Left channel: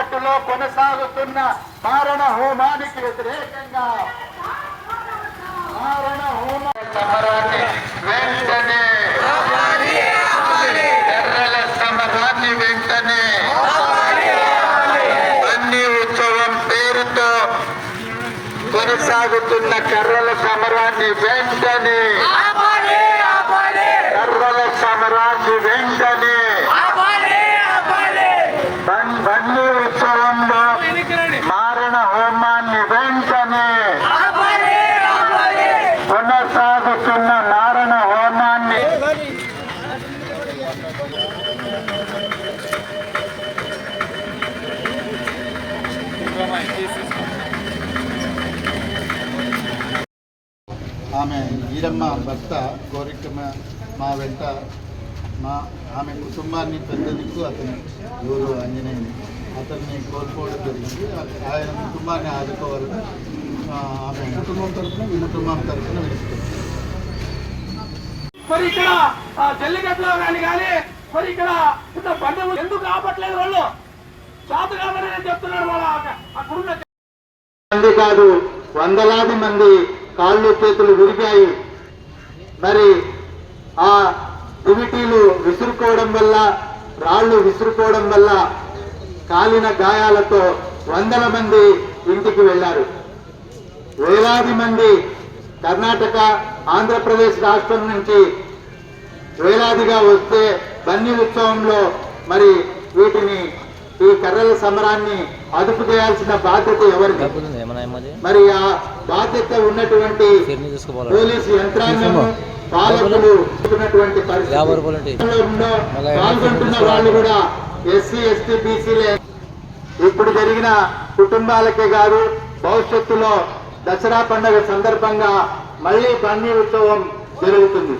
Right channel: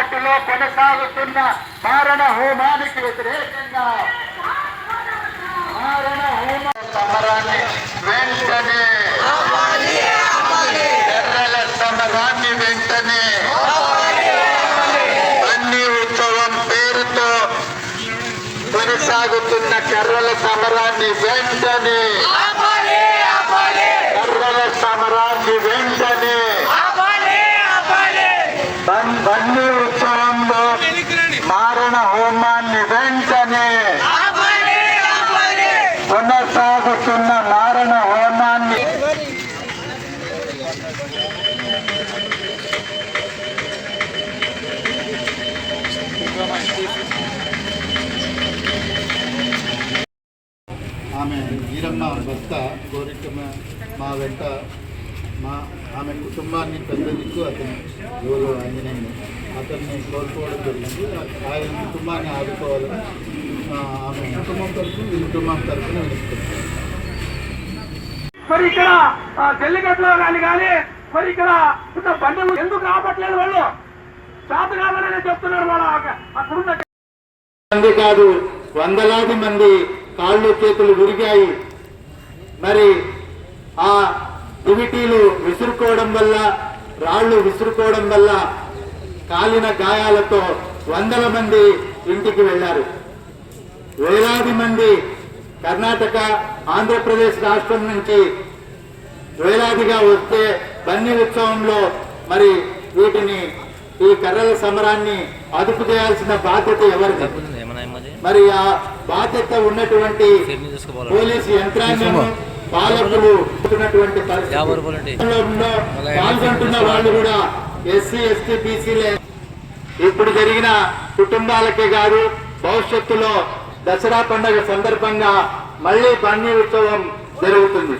జల్లికట్టులో కొనసాగుతున్న మారణ హోమానికి వ్యతిరేకంగా మారణ వెంటనే కొనసాగుతున్న కర్రల సమరాన్ని వెంటనే కర్రల సమరాన్ని వెంటనే బన్- బన్నీ ఉత్సవంలో మారణ హోమాన్ని వెంటనే కొనసాగుతున్న మారణ హోమాన్ని ఆమె వీరమ్మ భర్త కోరికమ్మ మా వెంట మా ఆమె కుటుంబాన్ని పెద్ద దిక్కు అతను ఎవరు ఆంజనేయుని అతన్ని కోల్పోవడం జరిగింది. ఆయన కుటుంబాన్ని ఆదుకోవాలని ఆమె కుటుంబం తరఫున ఈ కుటుంబం తరఫున వెళ్తుంది. మరి ఇక్కడ ఆ, జల్లికట్టులో కానీ కానీ మరి ఇక్కడ ఉన్న బంధువులు ఎందుకు రావట్లేదు వాళ్ళు? చేత కాదని చెప్తున్నారు వాళ్ళ అక్కడున్న మంది కాదు వందలాది మంది కాళ్ళు చేతులు విరిగాయి. మరి ఆ దివిటీలు విసురుకోవడం వల్ల రాళ్ళు విసురుకోవడం వల్ల కాలిన గాయాలతో వందల మంది ఇంటికి వెళ్ళారు. వేలాది మంది కర్ణాటక ఆంధ్రప్రదేశ్ రాష్ట్రం నుంచి వేలాదిగా వస్తే బన్నీ ఉత్సవంలో మరి వీటిని ఈ కర్రల సమరాన్ని అదుపు చేయాల్సిన బాధ్యత ఎవరిది? ఏమది మరి ఆ బాధ్యత ఉన్నటువంటి పోలీసు యంత్రాంగము పాలకులు పాల్గొంటున్న వాళ్ళు కూడా ఎస్సీ ఎస్టీ బీసీలే. ఇప్పుడు జరిగిన కుటుంబాలకే కాదు భవిష్యత్తులో దసరా పండుగ సందర్భంగా మళ్ళీ బండి ఉత్సవం జరుగుతుంది.